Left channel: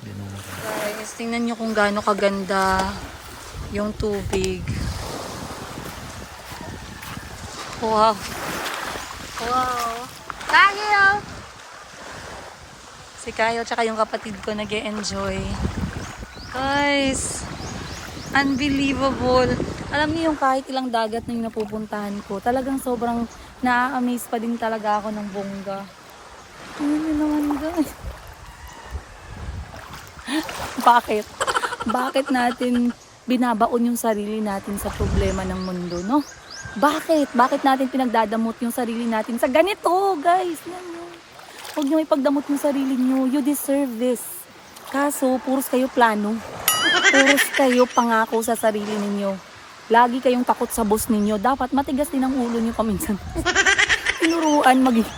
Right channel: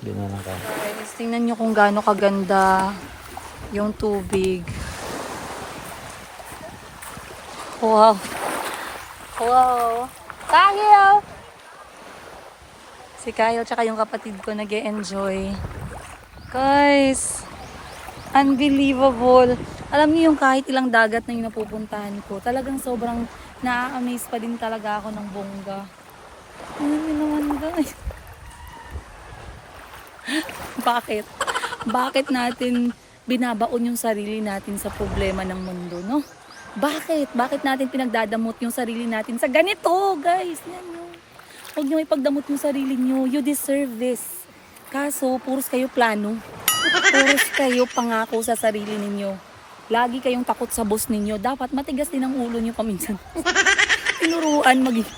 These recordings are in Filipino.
Hindi na lang kaya. Guys, tingnan nyo kung gaano kaganda yung tubig. Wow. Wow. Tayo! Si Kayo tsaka yung kapatid ko nag-e-enjoy. Guys, unbelievable. Alam niyo yung kahit ilang dagat na yung napupuntahan ko, talagang sobrang na-amaze pa din talaga ako ng bongga. Tingnan niyo naman guys. Bakit? Bakit natin binabaon yung sarili natin sa problema ng mundo, no? Bakit? Bakit natin pinagdadamot yung sarili natin sa ganito, guys? Yan yun. Huwag niyo ipagdamot yung sarili niyo. You deserve this. Kaso, puros kayo plano. Puros kayo pangako sa sarili ninyo. Lagi kayong takot sa boss ninyo. Dapat matigas din ang ulo niyo paminsan. Tinuruan maging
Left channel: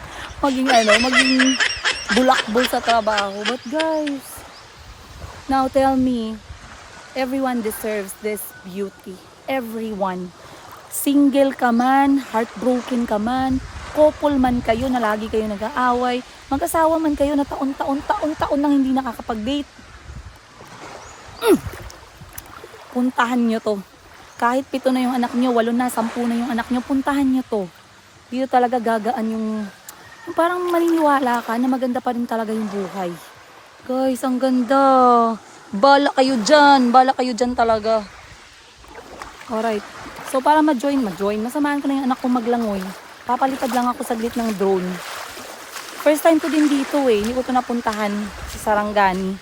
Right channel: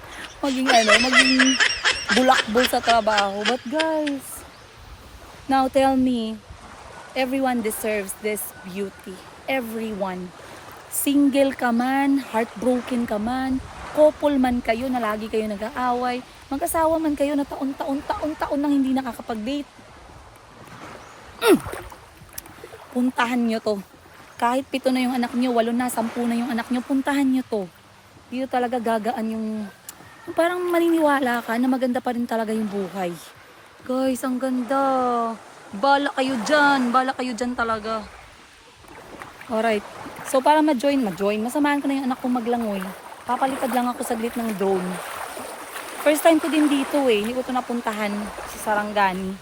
bulakbol sa trabaho. But guys, now tell me, everyone deserves this beauty. Everyone. Single ka man, heartbroken ka man, couple man kayo na lagi kayo nag-aaway, mag-asawa man kayo na taon-taon nang hindi nakakapag-date. Puntahan nyo to. Kahit 7 na yung anak nyo, 8 na, 10 na yung anak nyo, puntahan nyo to. Dito talaga gagaan yung parang maniniwala ka na maganda pa rin talaga yung buhay. Guys, ang ganda. Bala kayo dyan talaga. Alright. So para ma-join, masamahan ko na yung anak kong maglangoy. Papalipad lang ako saglit ng drone. First time ko din dito eh. Hindi ko ito napuntahan sa Sarangani.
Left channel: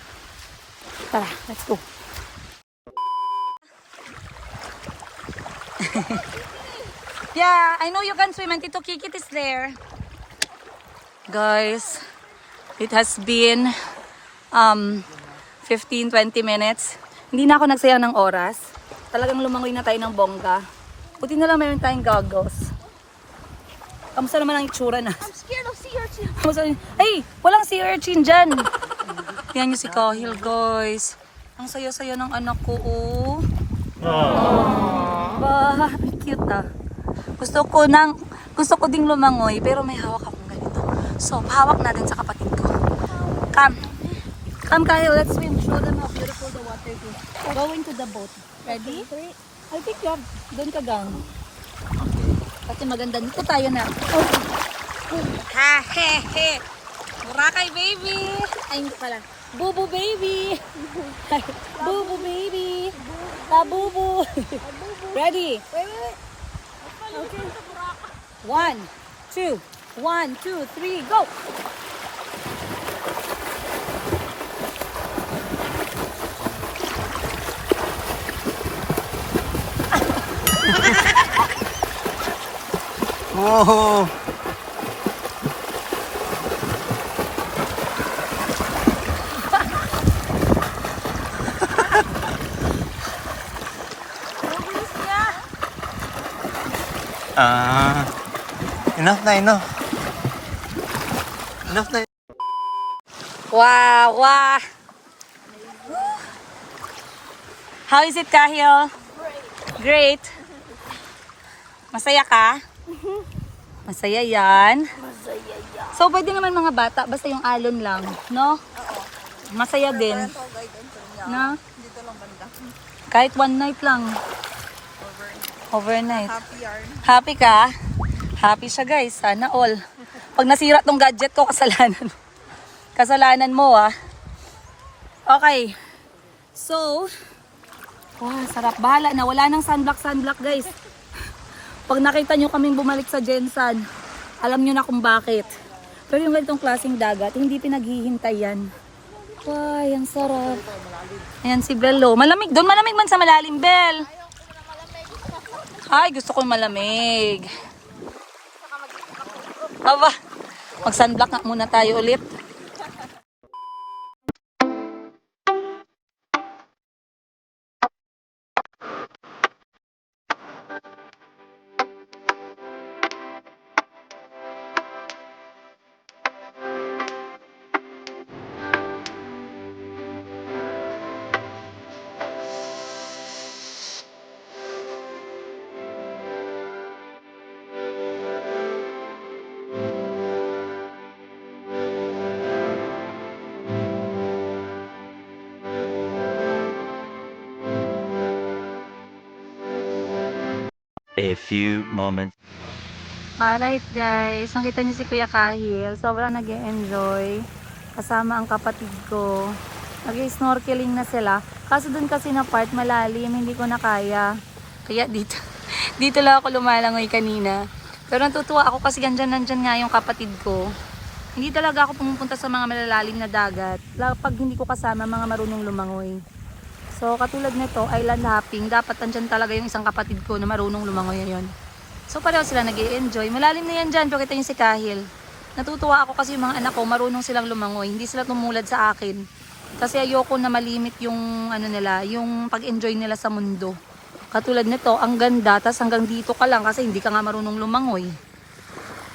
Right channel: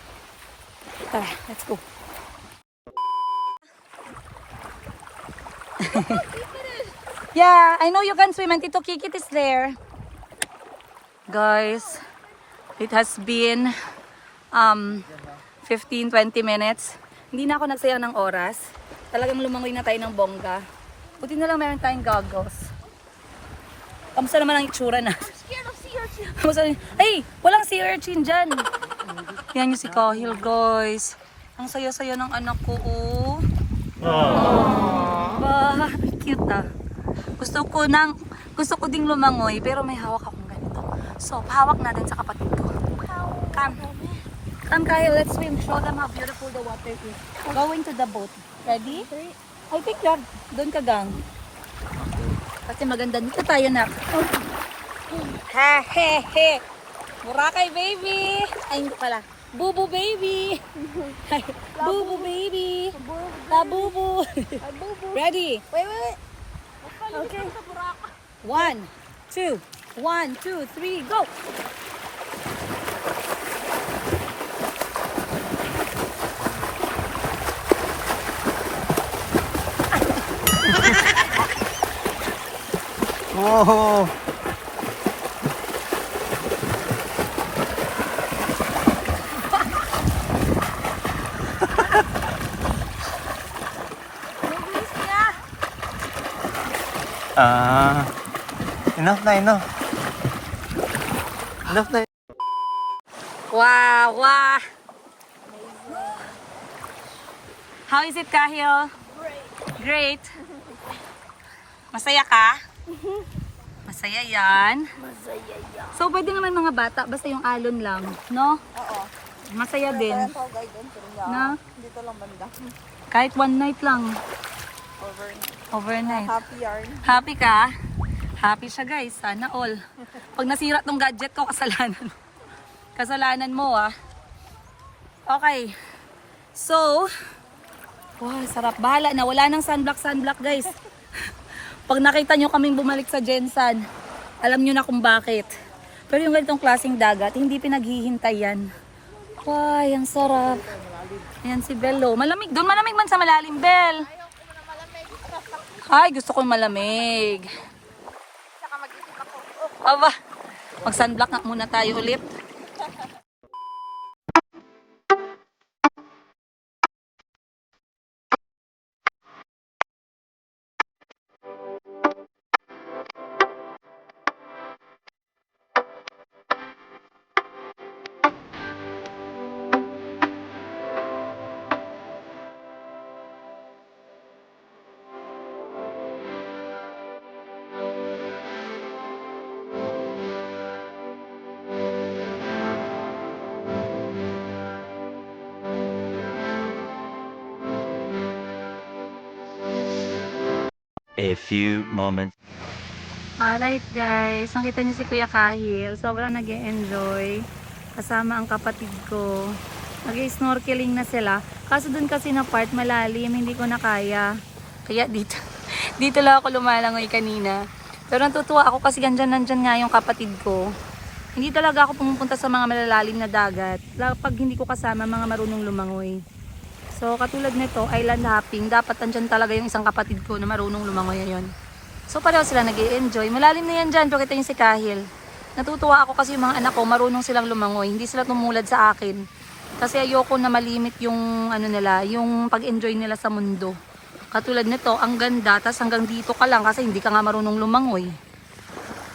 Tara, let's go. Yeah, I know you can swim and Tito Kikit is there. Guys, it has been 15-20 minutes. Hindi na ako nagsayang ng oras. Talagang lumangoy na tayo ng bongga. Buti na lang mayroon tayong goggles. Kamusta naman ang itsura na? I'm scared of sea urchin. Hey, walang sea urchin dyan. Yan yung si Kahil, guys. Ang saya-saya ng anak ko, oh. Bah, cute ah. Gusto ko ding lumangoy, pero may hawak akong ganito. So, pahawak natin sa kapatid ko. Come Kahil, let's swim. Show them how beautiful the water is. Go into the boat. Ready? I think doon ka gang. Okay. Kasi maganda dito tayo na. Ha, he, he. Boracay baby. Ay, hindi pala. Bubu baby. Bubu baby. Labubu. Ready? Wait. Okay. 1, 2, 3, go. Oh! Enough na. Enough na. Wow. How is it, Kahil? Great. Masaya ka? Masaya yan. So, pwede naman mga bata, basta yung alon lang, no? Masaya din. No? Dito lang banda. Kahit one night lang. Overnight. Happy yarn. Happy ka? Happy siya guys, sana all. Pag nasira tong gadget ko, kasalanan. Kasalanan mo ah. Okay. So, wow, sarap. Bahala na. Wala nang sunblock guys. Pag nakita nyo kaming bumalik sa Gensan, alam nyo na kung bakit. Pero yung ganitong klaseng dagat, hindi pinaghihintay yan. Ay, ang sarap. Ayan si Bello. Malamig. Doon malamig man sa malalim, Bel. Ay, gusto ko malamig. Aba, mag-sunblock nga muna tayo ulit. A few moments. Alright guys, nakita niyo si Kuya Kahil. Sobrang nag-e-enjoy. Kasama ang kapatid ko. Nag-snorkeling na sila. Kaso dun kasi na part malalim, hindi ko na kaya. Kaya dito, dito lang ako lumalangoy kanina. Pero natutuwa ako kasi nandyan nga yung kapatid ko. Hindi talaga ako pumupunta sa mga malalalim na dagat. Pag hindi ko kasama mga marunong lumangoy. So katulad nito, island hopping. Dapat nandyan talaga yung isang kapatid ko na marunong lumangoy yun. So pareho sila nag-i-enjoy. Malalim na yan dyan, pero kita yung si Kahil. Natutuwa ako kasi yung mga anak ko, marunong silang lumangoy. Hindi sila tumulad sa akin. Kasi ayoko na malimit yung ano nila, yung pag-enjoy nila sa mundo. Katulad nito, ang ganda, tas hanggang dito ka lang kasi hindi ka nga marunong lumangoy.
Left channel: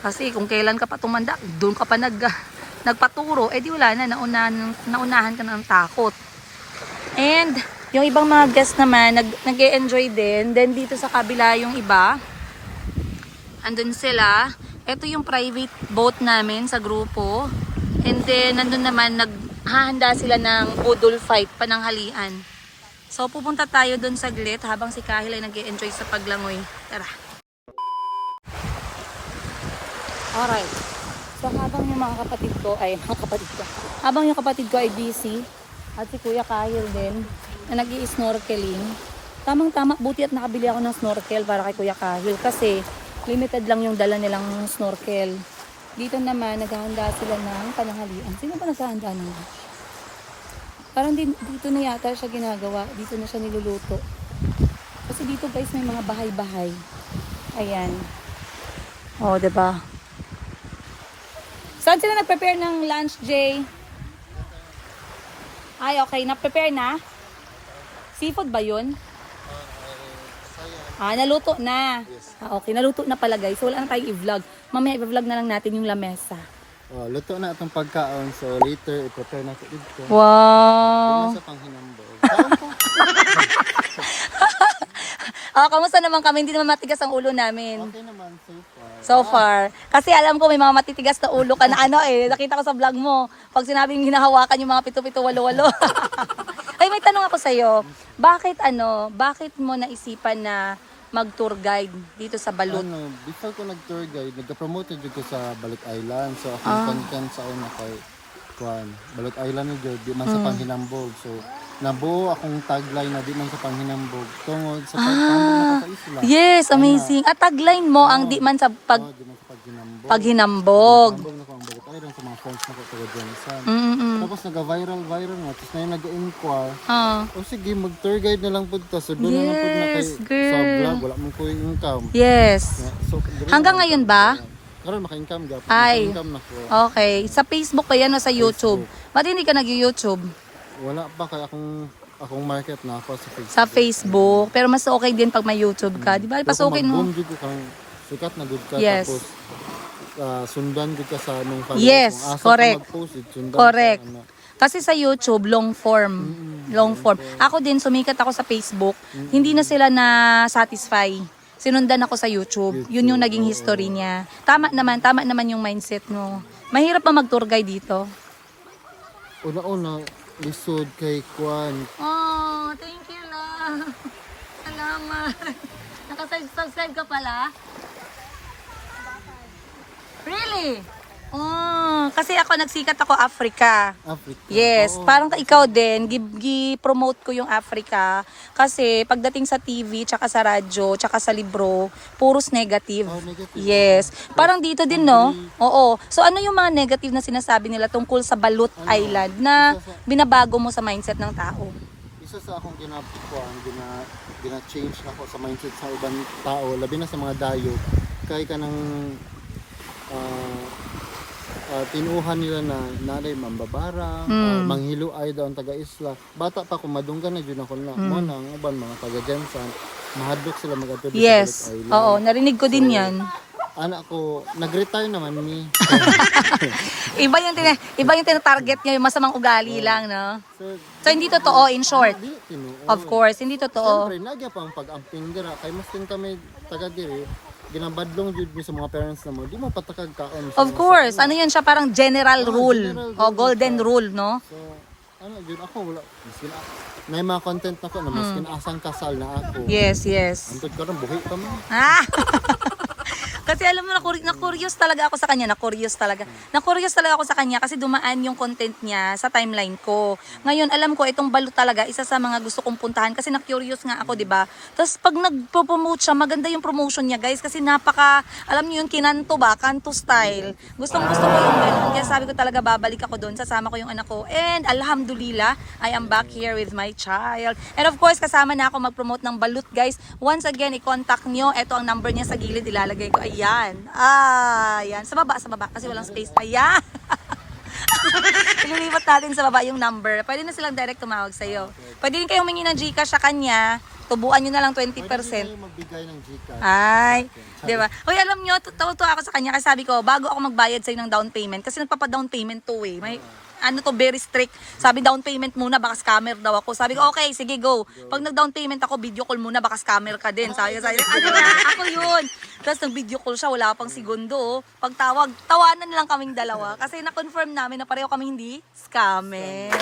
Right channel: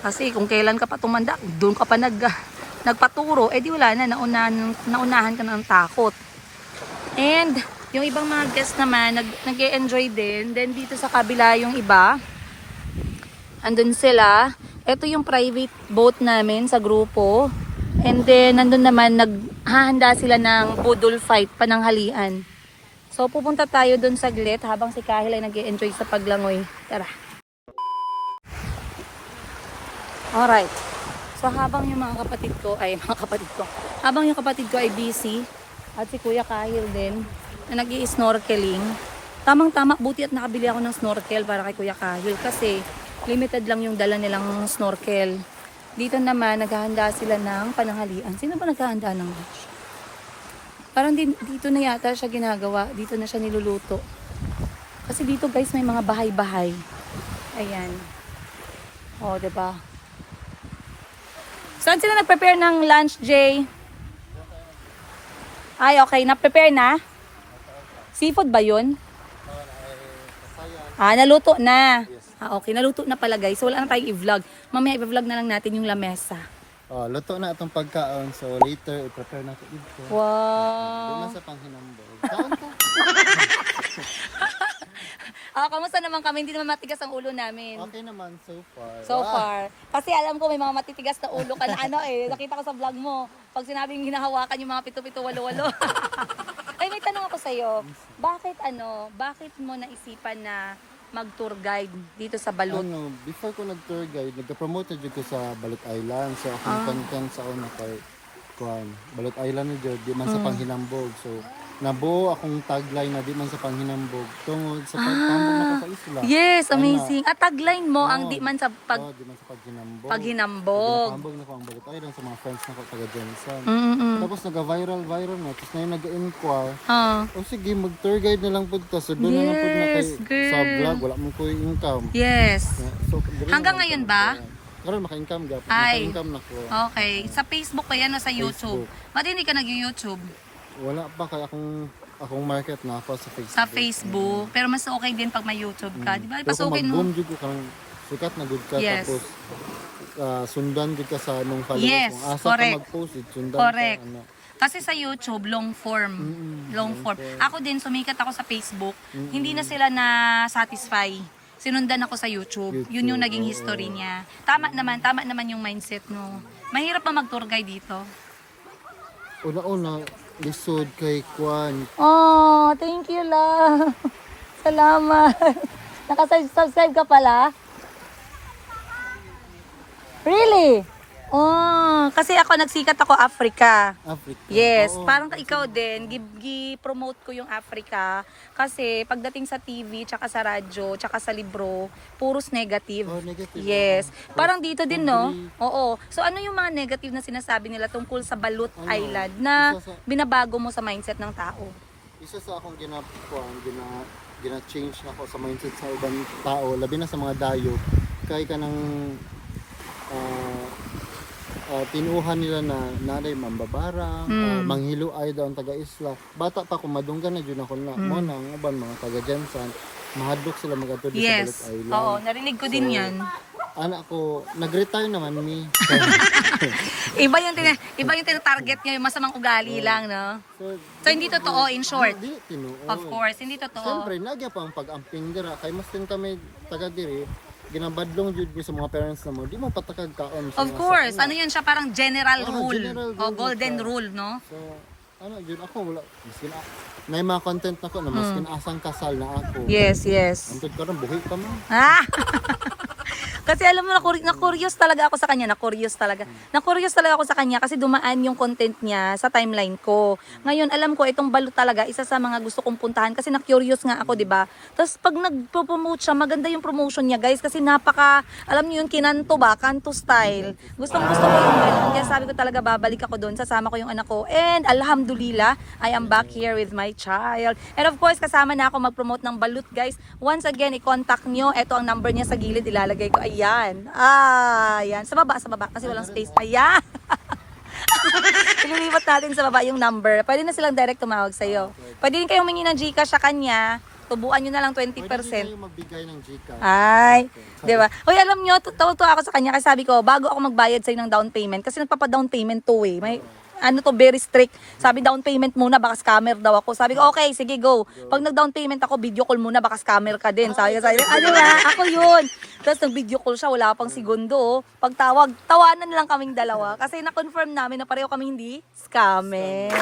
Kasi kung kailan ka pa tumanda, doon ka pa nagpaturo, eh di wala na, naunahan ka na ng takot. And yung ibang mga guests naman, nag-e-enjoy din. Then dito sa kabila yung iba, andun sila. Ito yung private boat namin sa grupo. And then, nandun naman, naghahanda sila ng poodle fight, pananghalian. So, pupunta tayo dun saglit habang si Kahil ay nag-e-enjoy sa paglangoy. Tara. Alright. So, habang yung mga kapatid ko, habang yung kapatid ko ay busy, at si Kuya Kahil din, na nag-i-snorkeling, tamang-tama, buti at nakabili ako ng snorkel para kay Kuya Kahil kasi limited lang yung dala nilang snorkel. Dito naman, naghahanda sila ng pananghalian. Sino ba naghahanda ng lunch? Parang dito na yata siya ginagawa. Dito na siya niluluto. Kasi dito guys, may mga bahay-bahay. Ayan. O, diba? Saan sila nag-prepare ng lunch, Jay? Ay, okay. Na-prepare na? Seafood ba yun? Naluto na. Okay. Naluto na pala guys. So, wala na tayong i-vlog. Mamaya i-vlog na lang natin yung lamesa. Luto na itong pagkaon. So, later, i-prepare na ito dito. Wow! Hindi na sa panghinambog. Kaon ko. Kamusta naman kami? Hindi naman matigas ang ulo namin. Okay naman, so far. So far. Kasi alam ko may mga matitigas na ulo ka na nakita ko sa vlog mo. Pag sinabing hinahawakan yung mga pito-pito, walo-walo. Ay, may tanong ako sa'yo. Bakit mo naisipan na mag-tour guide dito sa Balut? Before ko nag-tour guide, nagka-promote ko sa Balut Island. So, akong content sa una kay Balut Island ni di man sa panghinambog. So, nabuo akong tagline na di man sa panghinambog tungod sa pagtambog na sa isla. Yes, amazing. At tagline mo ang di man sa di man sa paghinambog. paghinambog. Paghinambog na ko ang Balut Island sa mga friends na ko taga Johnson. Mm-mm. Tapos nag-viral nga. Tapos na yung nag-inquire. Ah. O sige, mag-tour guide na lang po ito. So doon na lang po na kay girl. sa vlog. Wala mo po yung income. Yes. So, Hanggang ngayon ba? Karon maka-income gap. Ay. Maka-income na ko. Okay. Sa Facebook ba yan o sa YouTube? Ba't hindi ka nag-YouTube? Wala pa kaya akong market na ako sa Facebook. Sa Facebook. Pero mas okay din pag may YouTube ka. Di ba? Mas Pero okay kung no? mag-boom jud ko karang sikat na good ka Yes. tapos sundan jud ka sa nung followers. Yes, Kung asa correct. ka mag-post, sundan Correct. ka. Kasi sa YouTube, long form. Long form. Ako din, sumikat ako sa Facebook. Hindi na sila na satisfy. Sinundan ako sa YouTube. Yun yung naging history niya. Tama naman yung mindset mo. Mahirap pa mag-tour guide dito. Una-una, lisod kay Kwan. Oh, thank you lang. Salamat. Nakasubscribe ka pala? Really? Oh, kasi ako nagsikat ako Africa. Africa. Yes, Oo. parang ikaw din, gi-promote ko yung Africa kasi pagdating sa TV, tsaka sa radyo, tsaka sa libro, puros negative. Oh, negative. Yes. Parang dito din, no? Oo. So ano yung mga negative na sinasabi nila tungkol sa Balut Island na binabago mo sa mindset ng tao? Isa sa akong gina-change na ako sa mindset sa ibang tao, labi na sa mga dayo, kay ka ng tinuhan nila na nanay mambabara, manghiluay daw ang taga-isla. Bata pa ko, madunggan na dyan ako na. Mo nang uban mga taga-Jansan, mahadlok sila mag-ato dito Yes. sa Balut Island. Oo, narinig ko din yan. Anak ko, nag-retire naman mi. Iba yung tina-target niya, yung masamang ugali lang, no? So hindi totoo, in short. Hindi, tinuon. Of course, hindi totoo. Siyempre, nagya pa ang pag-amping dira. Kay mas din kami taga-diri, ginabadlong jud mi sa mga parents na mo. Di mo patakag kaon. Of course, ano yan siya parang general rule. general O rule golden siya. rule, no? So, ano yun ako wala miskin na mga content na ko na miskin asang kasal na ako. Yes, yes. Antod karon buhi pa man. Ah! Kasi alam mo, na-curious talaga ako sa kanya. Na-curious talaga ako sa kanya kasi dumaan yung content niya sa timeline ko. Ngayon, alam ko, itong Balut talaga, isa sa mga gusto kong puntahan kasi na-curious nga ako, di ba? Tapos pag nag-promote siya, maganda yung promotion niya, guys. Kasi alam niyo yun, kinanto ba? Kanto style. Gusto ko yung ganun. Kaya sabi ko talaga, babalik ako doon. Sasama ko yung anak ko. And alhamdulillah, I am back here with my child. And of course, kasama na ako mag-promote ng Balut, guys. Once again, i-contact nyo. Ito ang number niya sa gilid. Ilalagay ko. Ayan. Ayan. Sa baba. Kasi walang space. Ayan. Ililipat natin sa baba yung number. Pwede na silang direct tumawag sa'yo. Pwede din kayong humingi ng Gcash sa kanya. Tubuan nyo na lang 20%. Pwede din kayo magbigay ng Gcash. Ay, di ba? Uy, alam nyo, tuwa ako sa kanya kasi sabi ko, bago ako magbayad sa'yo ng down payment, kasi nagpapa-down payment to eh. May, very strict. Sabi, down payment muna, baka scammer daw ako. Sabi ko, okay, sige, go. Pag nag-down payment ako, video call muna, baka scammer ka din. Sabi, ano na, ako yun. Tapos nag-video call siya, wala pang segundo. Pagtawag, tawanan lang kaming dalawa. Kasi na-confirm namin na pareho kami hindi scammer.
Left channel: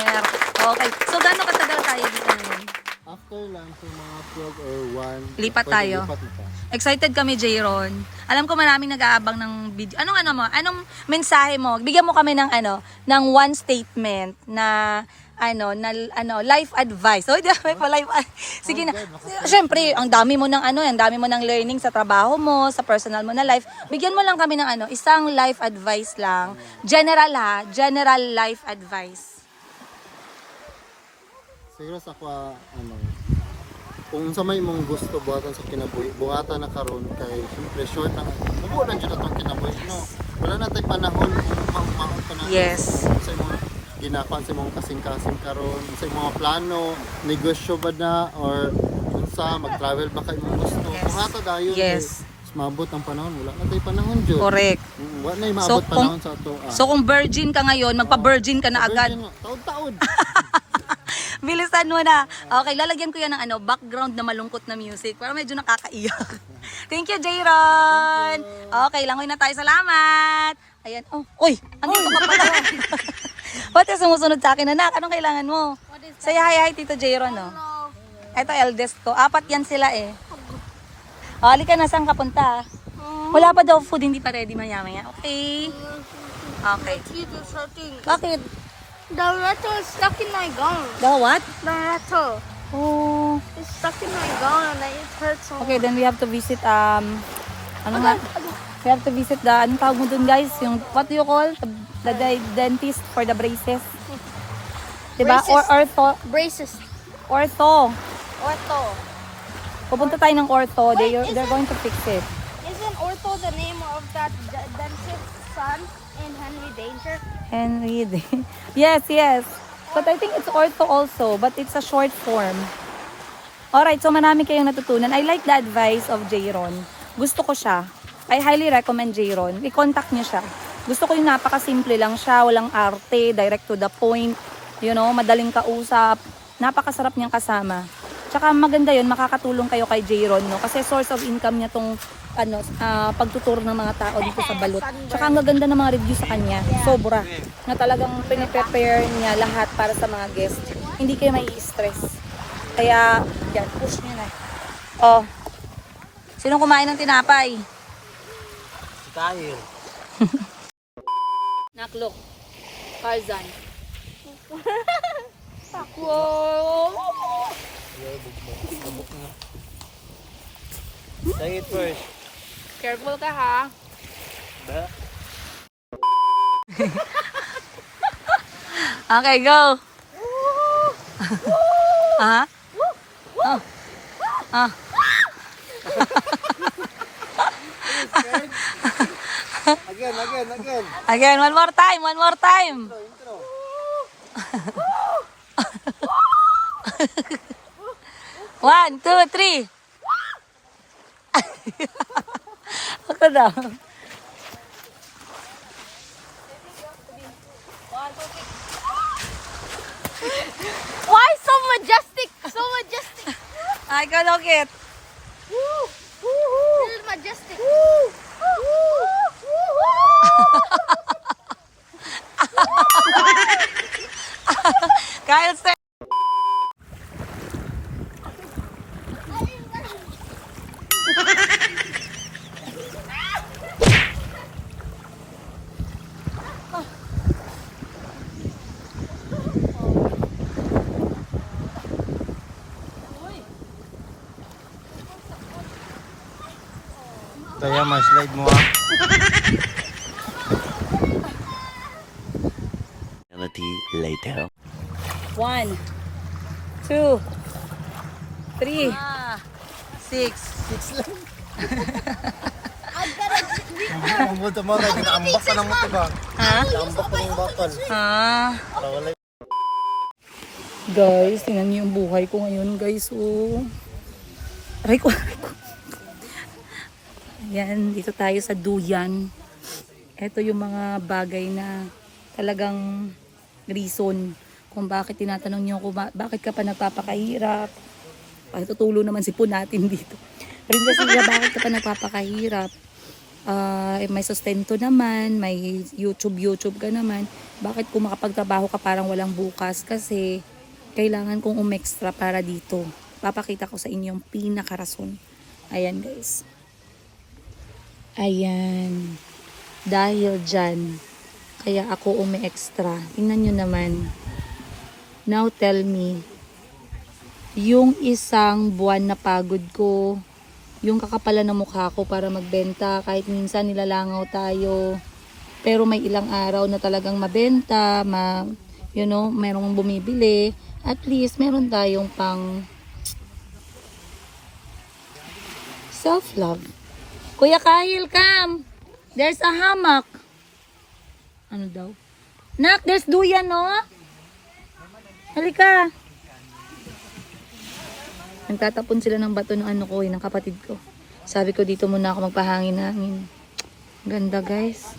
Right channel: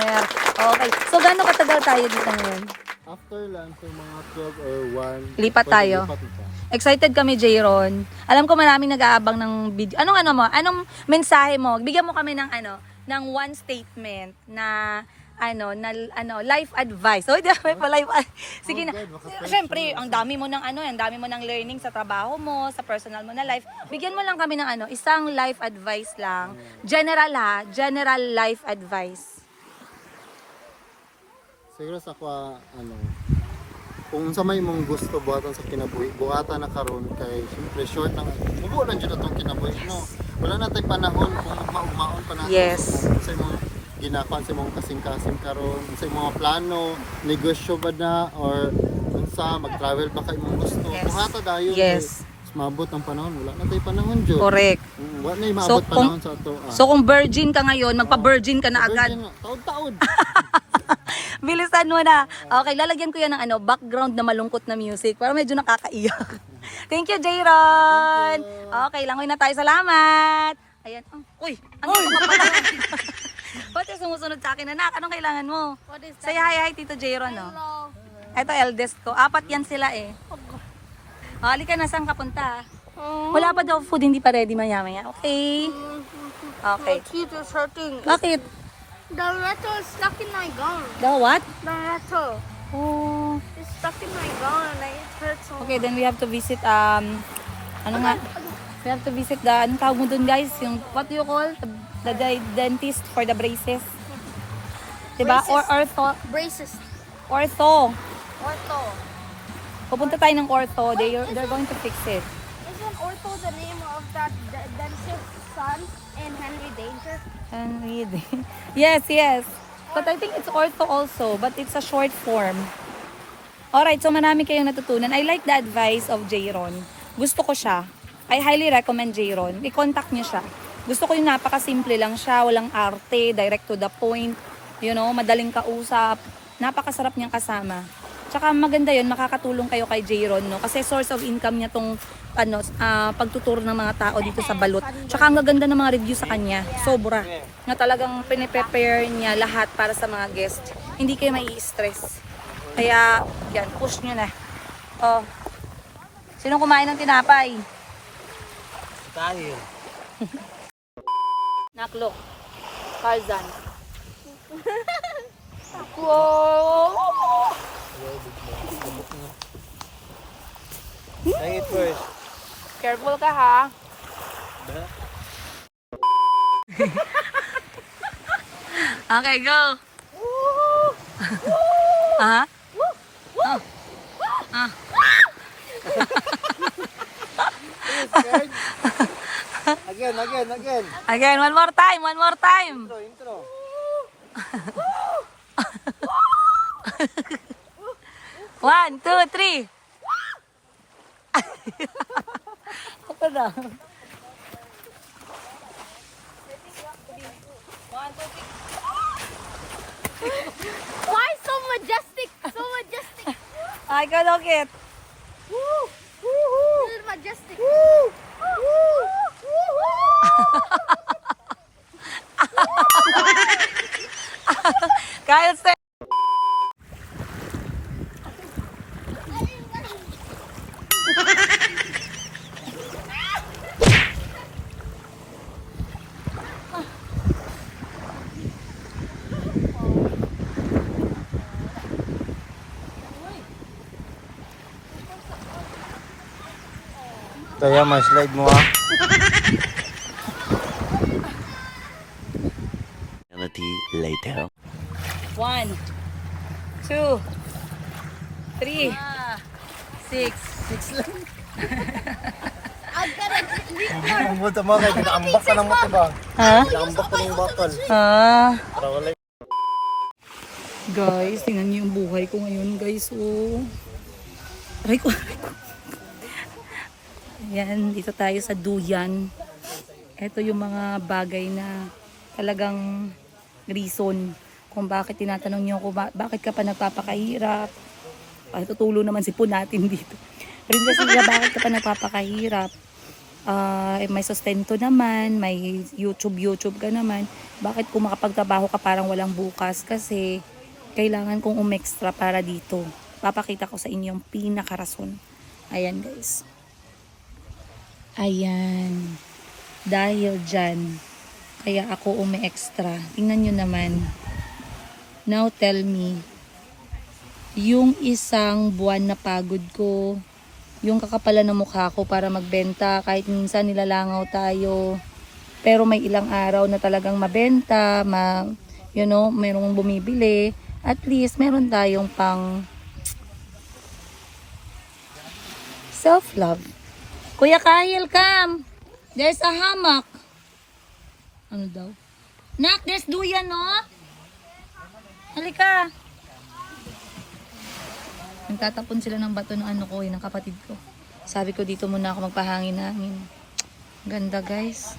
Okay, so gano'ng katagal tayo dito ngayon? After lunch, so mga 12 or 1. Lipat tayo. Lipat na pa. Excited kami, Jayron. Alam ko maraming nag-aabang ng video. Anong mensahe mo? Bigyan mo kami ng ng one statement na life advice. Oh, may pa life. Sige na. Syempre, ang dami mo ng learning sa trabaho mo, sa personal mo na life. Bigyan mo lang kami ng isang life advice lang. General life advice. Siguro sa kwa, kung sa may mong gusto buhatan sa kinabuhi, buhatan na karon kay siyempre short na, mabuo lang dyan na itong kinabuhi, no? Wala na tayong panahon kung maon pa natin. Yes. Sa imong ginakuan sa imong kasing-kasing karon, sa imong mga plano, negosyo ba na, or unsa, mag-travel ba kayo mong gusto. Yes. Buhata dayon. Yes. Maabot ang panahon, wala na tayong panahon dyan. Correct. Wala na yung maabot panahon sa ito. So kung virgin ka ngayon, magpa-virgin ka na agad. Taon-taon. Bilisan mo na. Okay, lalagyan ko yan ng background na malungkot na music para medyo nakakaiyak. Thank you, Jayron. Okay, langoy na tayo. Salamat. Ayan. Oh, uy, ano ka pala? Ba't yung sumusunod sa akin, anak? Anong kailangan mo? Say hi, Tito Jayron, no? Ito, eldest ko. 4 yan sila eh. Halika na, saan ka punta? Wala pa daw food, hindi pa ready maya-maya. Okay. Okay. Teeth is hurting. Natin. The letter is stuck in my gum. The what? The letter Oh. is stuck in my gum and it hurts so Okay, then we have to visit, we have to visit the, anong tawag mo dun, guys? Yung, what do you call? The dentist for the braces. Diba? Or ortho. braces. Ortho. Ortho. Pupunta tayo ng ortho. They're going to fix it. Isn't Ortho the name of that dentist's son in Henry Danger? And read. Yes. But I think it's ortho also, but it's a short form. Alright, so marami kayong natutunan. I like the advice of Jayron. Gusto ko siya. I highly recommend Jayron. I-contact niyo siya. Gusto ko yung napakasimple lang siya, walang arte, direct to the point, madaling kausap. Napakasarap niyang kasama. Tsaka maganda yun, makakatulong kayo kay Jayron, no? Kasi source of income niya tong pagtuturo ng mga tao dito sa Balut. Tsaka ang gaganda ng mga review sa kanya. Sobra. Na talagang piniprepare niya lahat para sa mga guest. Hindi kayo mai-stress. Kaya, yan, push nyo na. Oh. Sino kumain ng tinapay? Tayo. Naklok. Tarzan. Wow! Say it first. Careful ka ha. Okay, go. Ah. Ah. Again. Again, one more time. One, two, three. Ako daw. Why so majestic? So majestic. Ay, kalokit. This is majestic. Kyle, sir. Kaya ma-slide mo ah. Later. 1, 2, 3, 6. Ang buta mo kay ambak ka ng mata ba? Ha? Ambak ka ng bakal. Guys, tingnan niyo yung buhay ko ngayon, guys. Oh. Aray ko, aray ko. Ayan, dito tayo sa duyan. Ito yung mga bagay na talagang reason kung bakit tinatanong niyo ako, bakit ka pa nagpapakahirap. Patutulo naman si po natin dito. Rin kasi bakit ka pa nagpapakahirap. May sustento naman, may YouTube ka naman. Bakit kung makapagtrabaho ka parang walang bukas? Kasi kailangan kong umextra para dito. Papakita ko sa inyo yung pinakarason. Ayan guys. Ayan. Dahil dyan, kaya ako umi-extra. Tingnan nyo naman. Now tell me, yung isang buwan na pagod ko, yung kakapalan ng mukha ko para magbenta, kahit minsan nilalangaw tayo, pero may ilang araw na talagang mabenta, merong bumibili, at least meron tayong pang self-love. Kuya Kyle, come! There's a hammock. Ano daw? Nak, there's duyan, no? Halika. Nagtatapon sila ng bato ng ng kapatid ko. Sabi ko dito muna ako magpahangin-hangin. Ganda guys.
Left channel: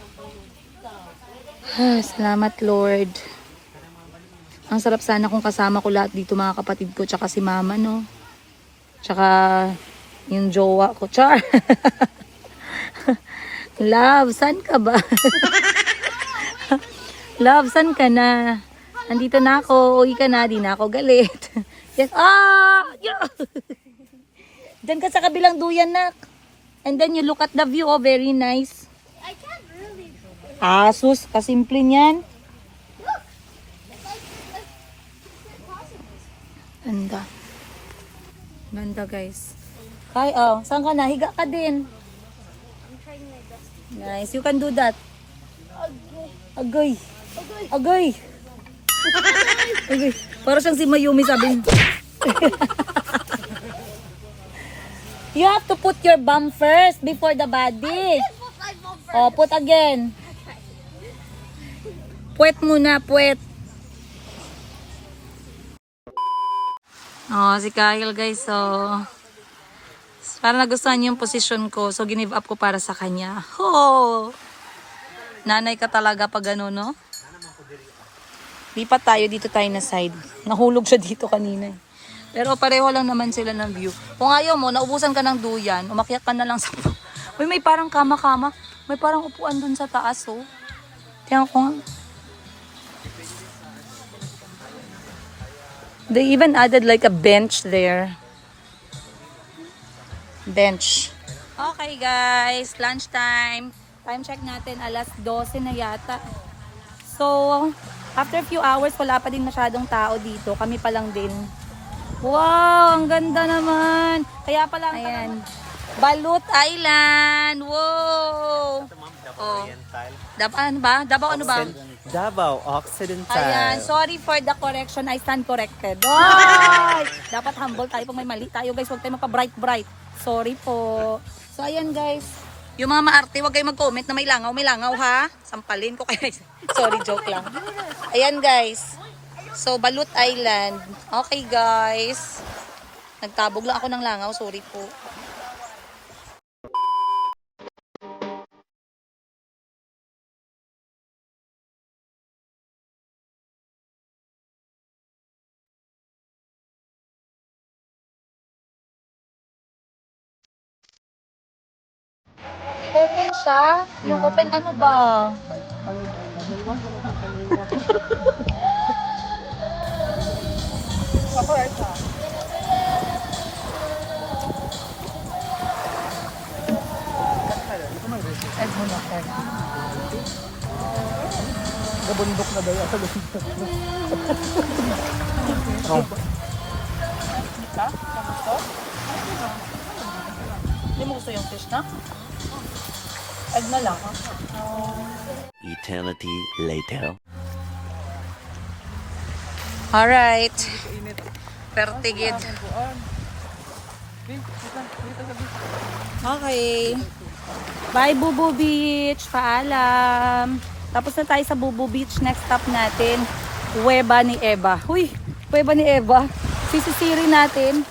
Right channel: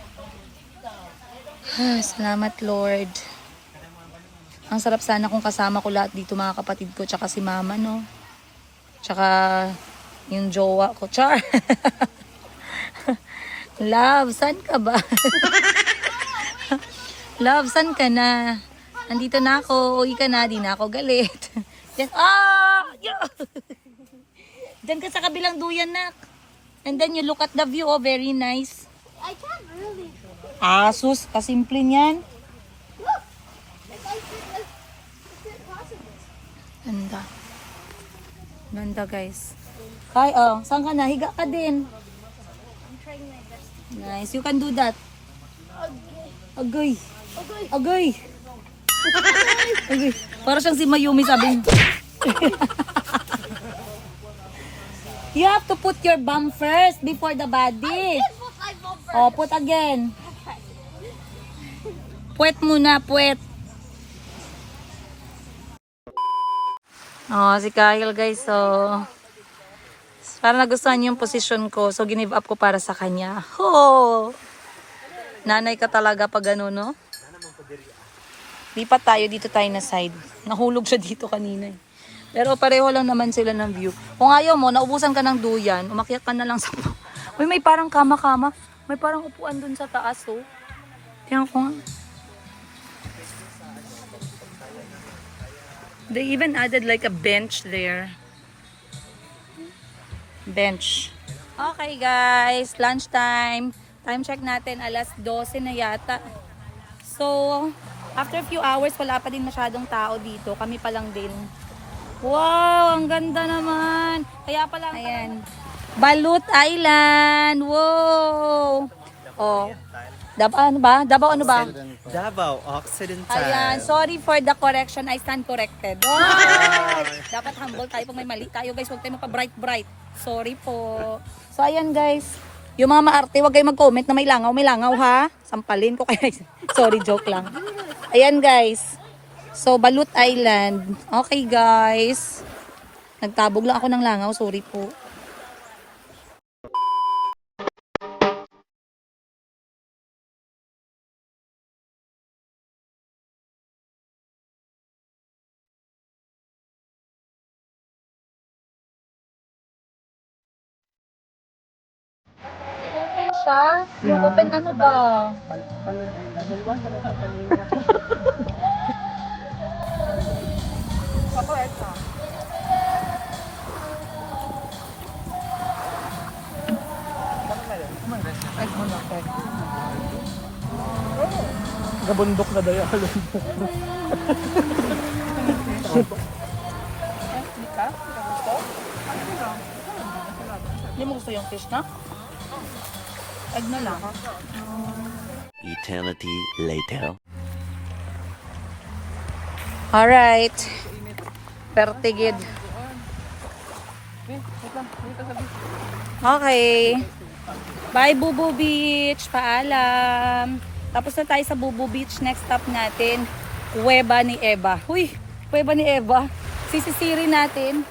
Salamat Lord. Ang sarap sana kung kasama ko lahat dito mga kapatid ko. Tsaka si mama no. Tsaka yung jowa ko. Char. Love, saan ka ba? Love, saan ka na? Nandito na ako. Uwi ka na. Di na ako galit. Yes. Diyan ka sa kabilang duyan, nak. And then you look at the view. Oh, very nice. I can't really. Sus, kasimple niyan. Ganda. Ganda, guys. Hi, saan ka na? Higa ka din. Nice. You can do that. Agay. Agay. Okay. Para siyang si Mayumi sabi. You have to put your bum first before the body. Oh, put again. Puwet muna, puwet. Oh, si Kyle guys, so parang nagustuhan niya yung position ko, so ginive up ko para sa kanya. Oh! Nanay ka talaga pag ano, no? Lipat tayo, dito tayo na side. Nahulog siya dito kanina. Pero pareho lang naman sila ng view. Kung ayaw mo, naubusan ka ng duyan, umakyat ka na lang sa... Uy, may parang kama-kama. May parang upuan dun sa taas, oh. Tingnan ko nga. They even added like a bench there. Bench. Okay, guys. Lunchtime. Time check natin. Alas 12 na yata. So... After a few hours, wala pa din masyadong tao dito. Kami pa lang din. Wow! Ang ganda naman! Kaya pala, ayan. Balut Island! Wow! Oh. Ano ba? Davao ano ba? Davao Occidental. Ayan. Sorry for the correction. I stand corrected. Oh! Dapat humble tayo pag may mali tayo, guys. Huwag tayo magpa-bright. Sorry po. So, ayan, guys. Yung mga maarte, huwag kayo mag-comment na may langaw, ha? Sampalin ko kayo. Sorry, joke lang. Ayan, guys. So, Balut Island. Okay, guys. Nagtabog lang ako ng langaw. Sorry po. Open siya? Yung open ano ba? Gabundok na daw ako. Hindi mo gusto yung fish na? Add na lang. Eternity later. Alright. Pertigid. Okay. Bye, Bubu Beach. Paalam. Tapos na tayo sa Bubu Beach. Next stop natin, Cueva ni Eva. Uy, Cueva ni Eva. Sisisirin natin.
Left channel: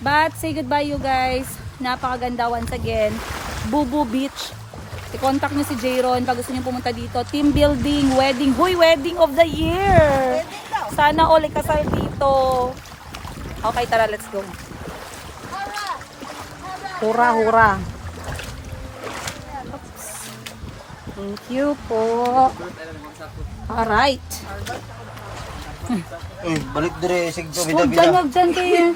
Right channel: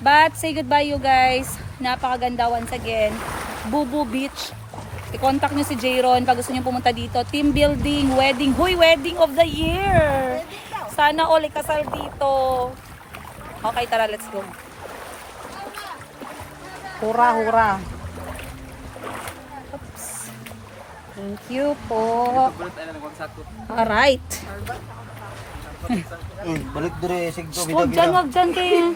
But, say goodbye you guys. Napakaganda once again. Bubu Beach. I-contact nyo si Jayron pag gusto nyo pumunta dito. Team building, wedding. Huy, wedding of the year. Sana all ikasal dito. Okay, tara, let's go. Hura, hura. Oops. Thank you po. Alright. Balik dire sig Huwag dyan kayo.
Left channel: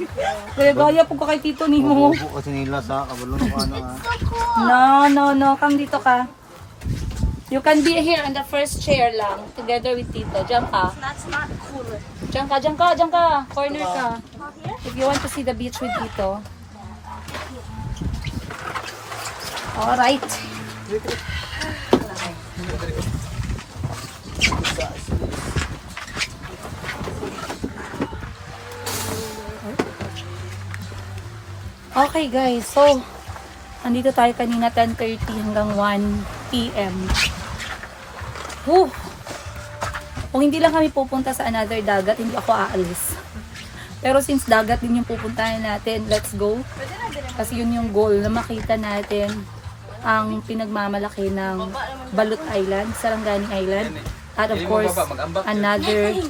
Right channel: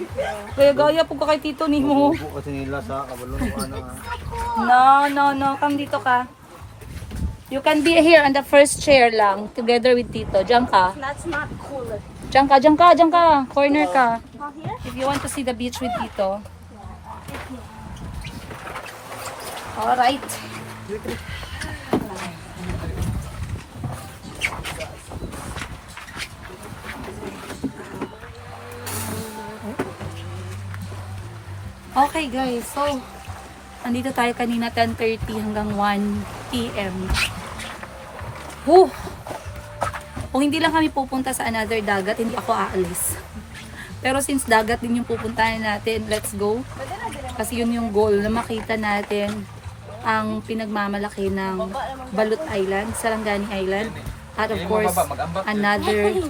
Kaya gaya po ka kay tito ni mo. kasi nila sa kabalo ano. No. Come dito ka. You can be here on the first chair lang. Together with tito. Diyan ka. That's not cooler. Diyan ka. Corner ka. If you want to see the beach with tito. Alright. Okay guys, so andito tayo kanina 10:30 hanggang 1 PM. Woo! Kung hindi lang kami pupunta sa another dagat, hindi ako aalis. Pero since dagat din yung pupuntahan natin, let's go. Kasi yun yung goal na makita natin ang pinagmamalaki ng Balut Island, Sarangani Island. At of course, another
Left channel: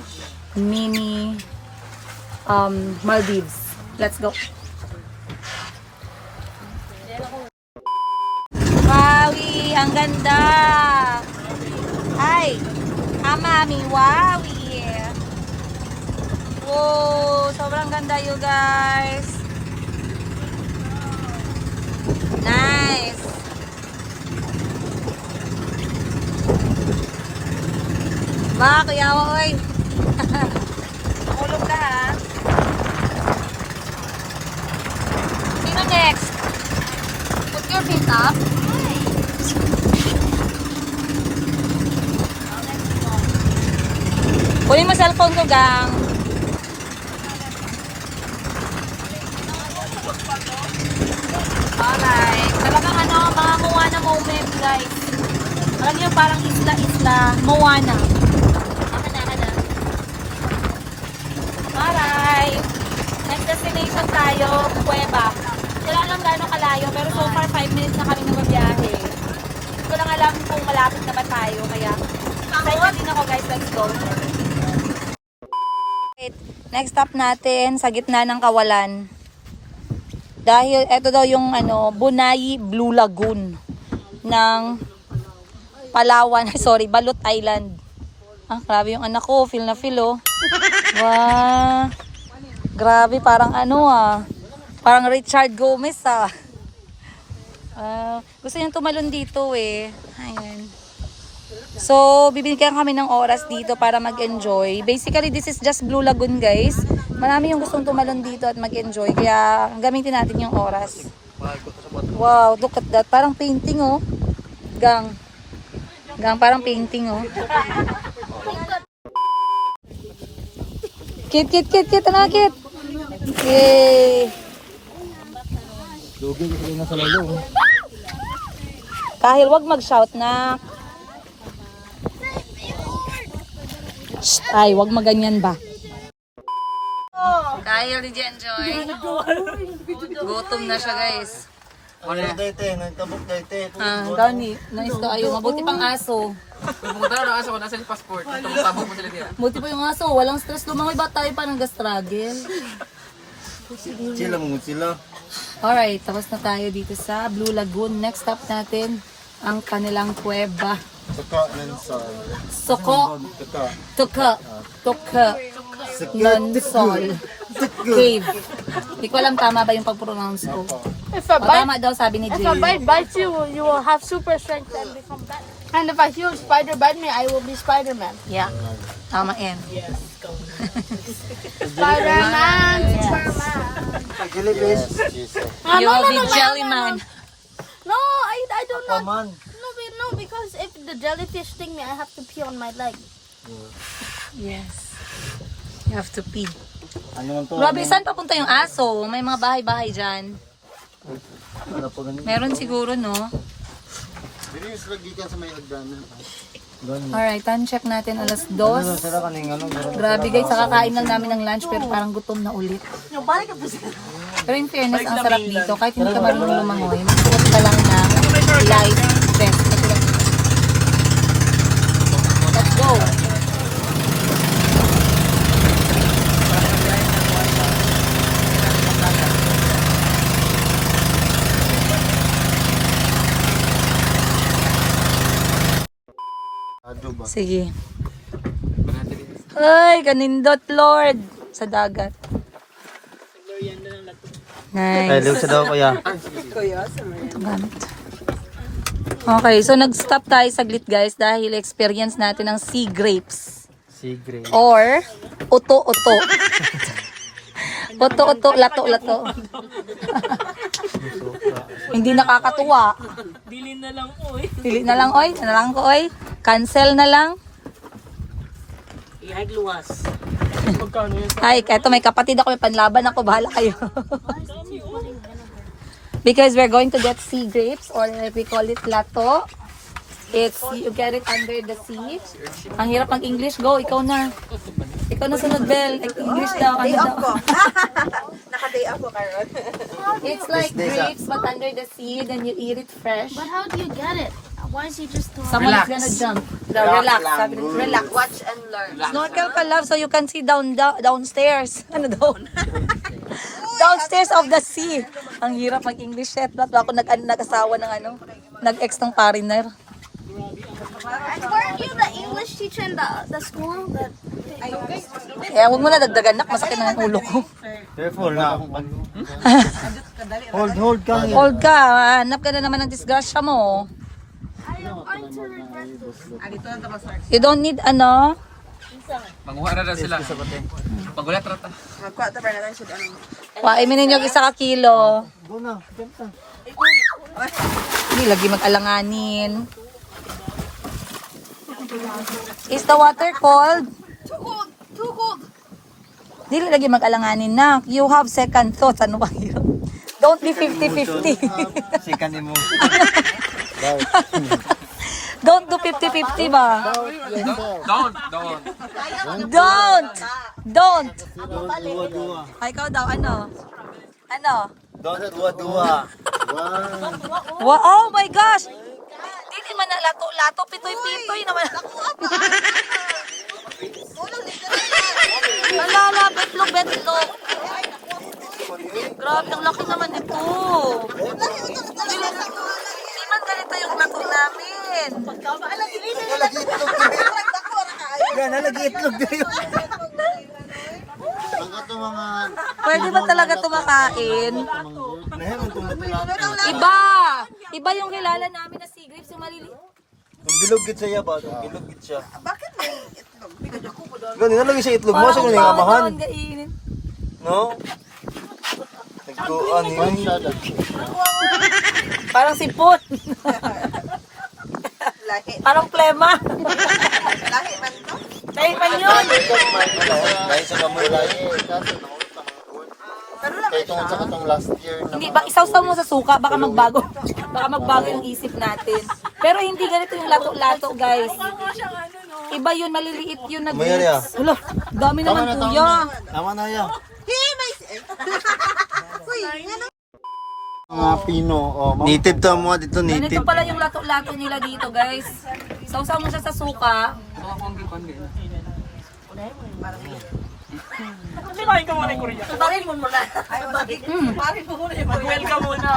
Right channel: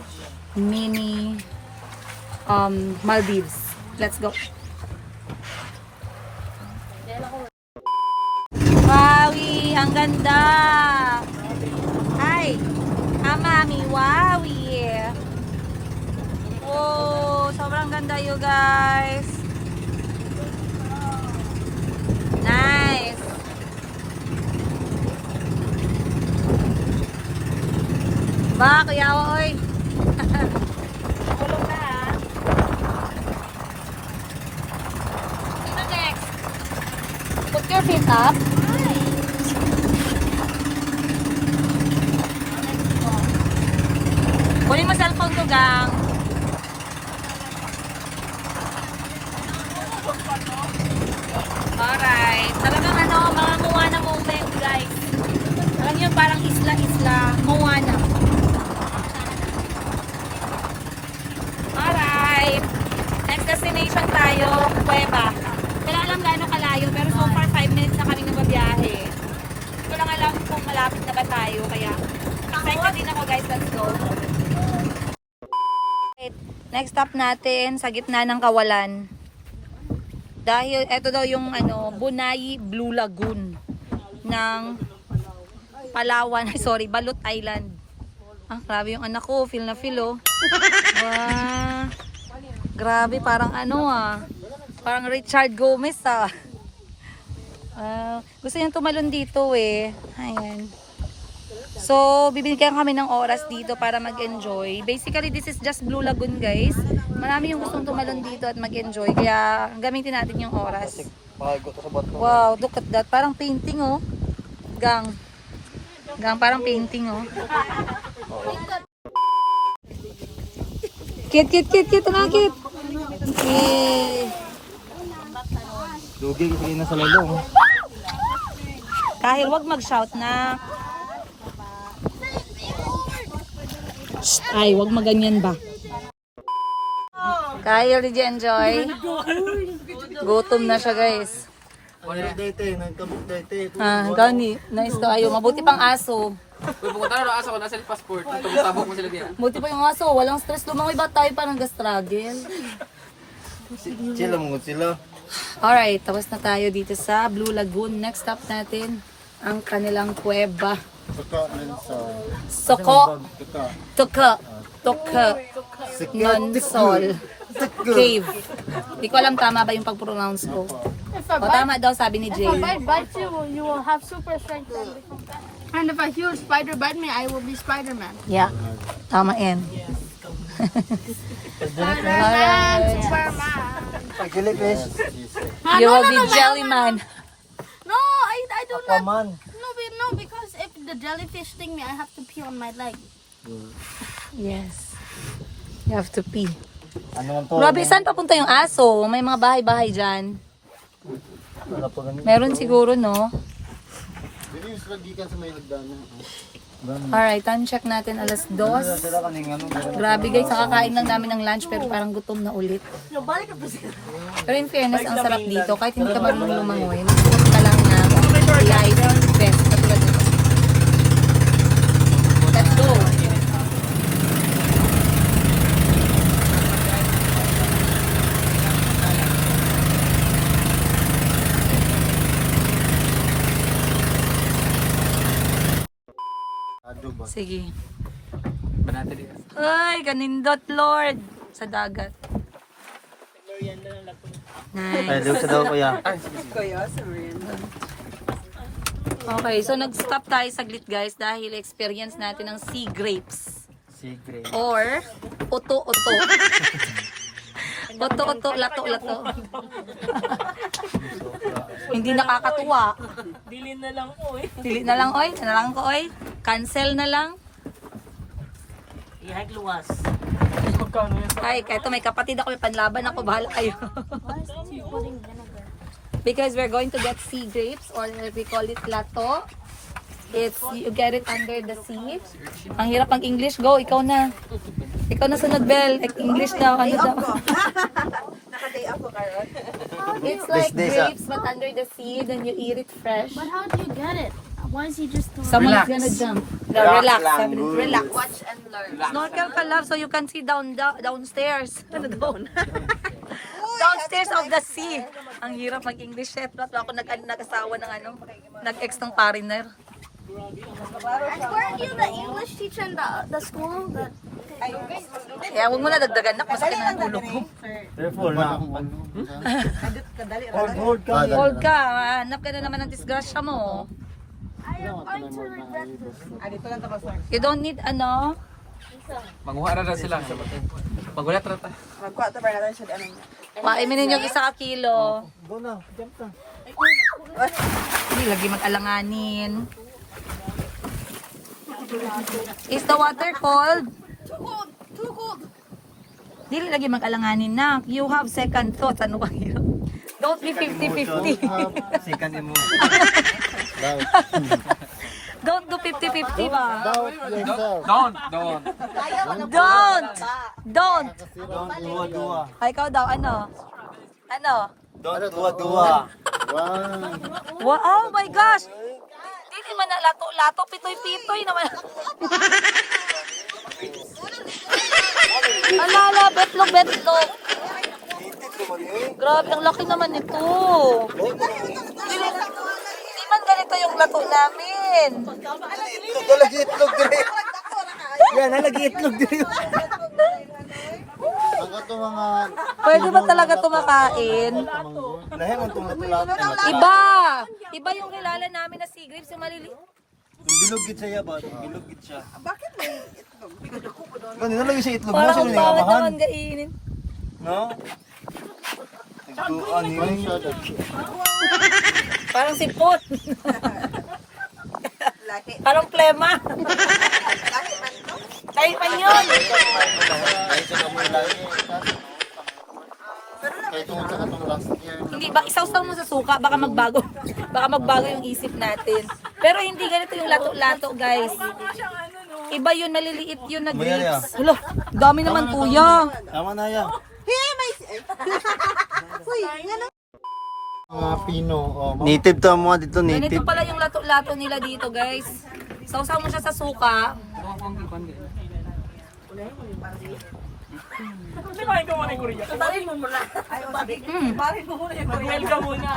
mini Maldives. Let's go. Wowie, ang ganda. Ay, mami, wowie. Wow, sobrang ganda you guys. Nice. Ba, kuyawa, oy. Nakulog na ha. Sino next? Put your feet up. Kunin mo cellphone ko, gang. Alright. Talagang ano, mga Moana moment, guys. Alam niyo, parang isla-isla. Moana. Alright. Next destination tayo, Cueva. Wala alam gano'ng kalayo, pero so far 5 minutes na kami nagbabiyahe. Hindi ko lang alam kung malapit na ba tayo, kaya excited din ako guys, let's go. Next stop natin sa gitna ng kawalan. Dahil ito daw yung Bunay Blue Lagoon ng Palawan, sorry, Balut Island. Ah, grabe yung anak ko, feel na feel oh. Wow. Grabe, parang parang Richard Gomez ah. Gusto niyang tumalon dito eh. Ayan. So, bibigyan kami ng oras dito para mag-enjoy. Basically, this is just Blue Lagoon, guys. Marami yung gustong tumalon dito at mag-enjoy. Kaya, gamitin natin yung oras. Wow, look at that. Parang painting, oh. Gang, parang painting, oh. Kit. Ano, Kit? Yay. Lugi kasi na sa malong. Kahil wag mag-shout na. Ay, wag maganyan ba? Kahil did you enjoy? Gutom na siya, guys. Ano dayte, nagtabok dayte. Gani, nice to ayo. Mabuti pang aso. Pumunta na aso ko nasa yung passport. Tabok mo sila diyan. Buti pa yung aso, walang stress. Lumangoy ba tayo pa nag-struggle? Sila mo sila. Alright, tapos na tayo dito sa Blue Lagoon. Next stop natin, ang kanilang kuweba. Tuka ng sir. Soko. Tuka. Non-sol. Cave. Hindi ko alam tama ba yung pag-pronounce ko. If O tama daw sabi ni Jay. a bite bites you, you will have super strength and become fat. And if a huge spider bite me, I will be Spider-Man. Yeah. Tama yan. Spider-Man, Superman. Jellyfish. Ah, You no, will no, be no, Jellyman. no, I do not. Come on. No, because if the jellyfish sting me, I have to pee on my leg. Yes. You have to pee. Ano man to? Grabe, saan papunta yung aso? May mga bahay-bahay dyan. Wala po ganun. Meron siguro, no? Dili sila gikan sa may hagdanan. Alright, time check natin alas 2. Sila kaning ano. Grabe guys, kakakain lang namin ng lunch pero parang gutom na ulit. Pero in fairness, ang sarap dito. Kahit hindi ka marunong lumangoy, magsuot ka lang ng life vest. Katulad dito. Let's go! Ado ba? Sige. Ay, kanindot Lord sa dagat. Nice. Liw sa daw kaya. Okay, so nag-stop tayo saglit guys dahil experience natin ng sea grapes. Sigre. Or uto-uto. Uto-uto, lato-lato. Hindi nakakatuwa. Dili na lang oy. Dili na lang oy. Na lang ko oy. Cancel na lang. Ihag luwas. Ay, eto may kapatid ako, may panlaban ako, bahala kayo. Because we're going to get sea grapes or we call it lato. It's, you get it under the sea. Ang hirap mag-English. Go, ikaw na. Ikaw na sunod, Bel. English daw, ano daw. It's like grapes but under the sea, then you eat it fresh. But how do you get it? Why is he just Someone's gonna jump. No, relax. Sabi niya, relax. Watch and learn. Snorkel ka, love, so you can see downstairs. Ano doon? Downstairs of the sea. Ang hirap mag-English set. Ako nag-asawa ng ano, nag-ex ng pariner. Weren't you the English teacher in the school? Kaya huwag mo na dagdagan nak, masakit na ang ulo ko. Careful na. Hold ka. Hold ka, hanap ka na naman ng disgrasya mo. I am going to regret this. You don't need ano. Manguha na sila. Magulat rata. Wain mo ninyo 1 kilo. Go na. Jump na. Hindi lagi mag-alanganin. Is the water cold? Too cold. Hindi lagi mag-alanganin na. You have second thoughts. Ano ba yun? Don't be 50-50. Second mo. Don't do 50-50 ba? Don't. Don't! Don't dua-dua. Ay, ikaw daw, ano? Ano? Don't dua-dua. Wow, oh my gosh! Hindi man na lato-lato, pitoy-pitoy naman. Alala, betlog. Grabe, ang laki naman nito. Hindi man ganito yung lato namin. Yan, nalagi itlog din. Ang ato mga Pwede ba talaga tumakain? Nahe mo itong lato-lato. Iba yung kilala namin na sea grapes, yung maliliit. Yung bilog gid siya ba? Yung bilog gid siya. Bakit may itlog? Ganun nalagi siya itlog mo sa Parang mga bawat abahan. naman kainin. No? Nagkuan yun. Parang sipot. Parang plema. Tayo pa yun. Dahil sa kamulay. kaya tungkol sa katong last year na Hindi ba isaw-saw mo sa suka, baka magbago. Baka magbago yung isip natin. Pero hindi ganito yung lato-lato, guys. Iba yun, maliliit yun na grapes. Hala, dami naman kuya. Tama na yan. mga pino o Native to mga dito, Ganito native. pala yung lato-lato nila dito, guys. Sausaw mo siya sa suka.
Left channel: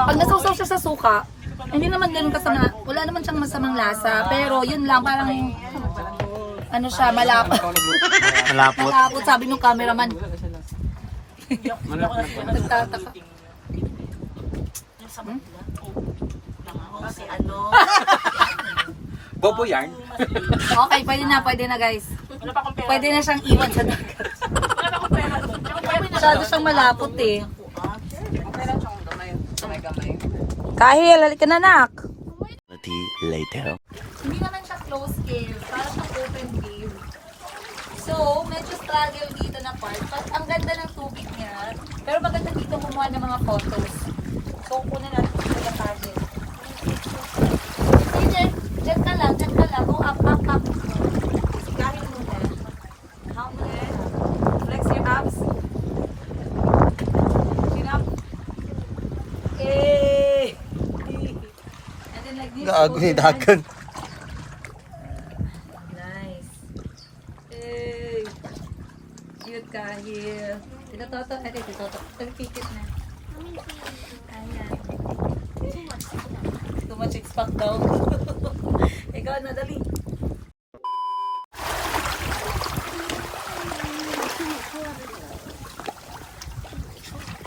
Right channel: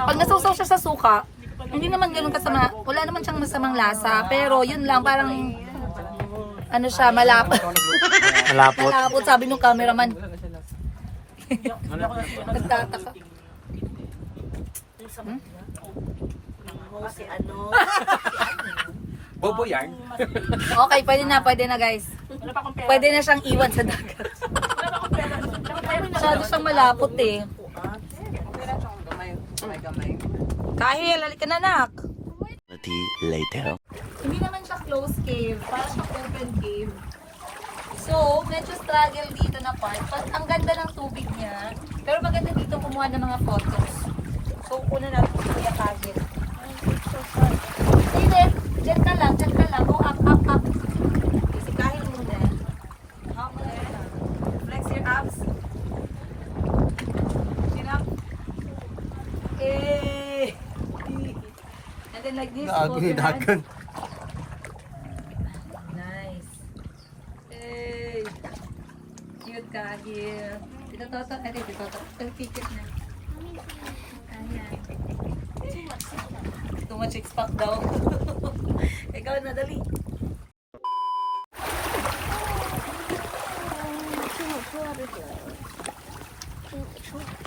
Pag nasausaw siya sa suka, hindi naman ganun kasama, wala naman siyang masamang lasa, pero yun lang, parang, ano siya, malapot. Malapot. Malapot, sabi nung cameraman. Nagtataka. Bobo yarn. Okay, pwede na guys. Pwede na siyang iwan sa dagat. Masyado siyang malapot eh. Kahil, halika na nak. Eternity later. Hindi naman siya closed cave, parang siyang open cave. So, medyo struggle dito na part. But ang ganda ng tubig niya. Pero maganda dito kumuha ng mga photos. So, una natin sa Kahil. Hindi, dyan ka lang. Go up. Si Kahil muna. Hamlet. Flex your abs. Chin up. Eh. And then like this. Gago ni dagan. Nice. Hey. Cute Kahil. Ito toto. Ito toto. Pagpikit na. Ayan. Too much expect daw. Ikaw na, dali.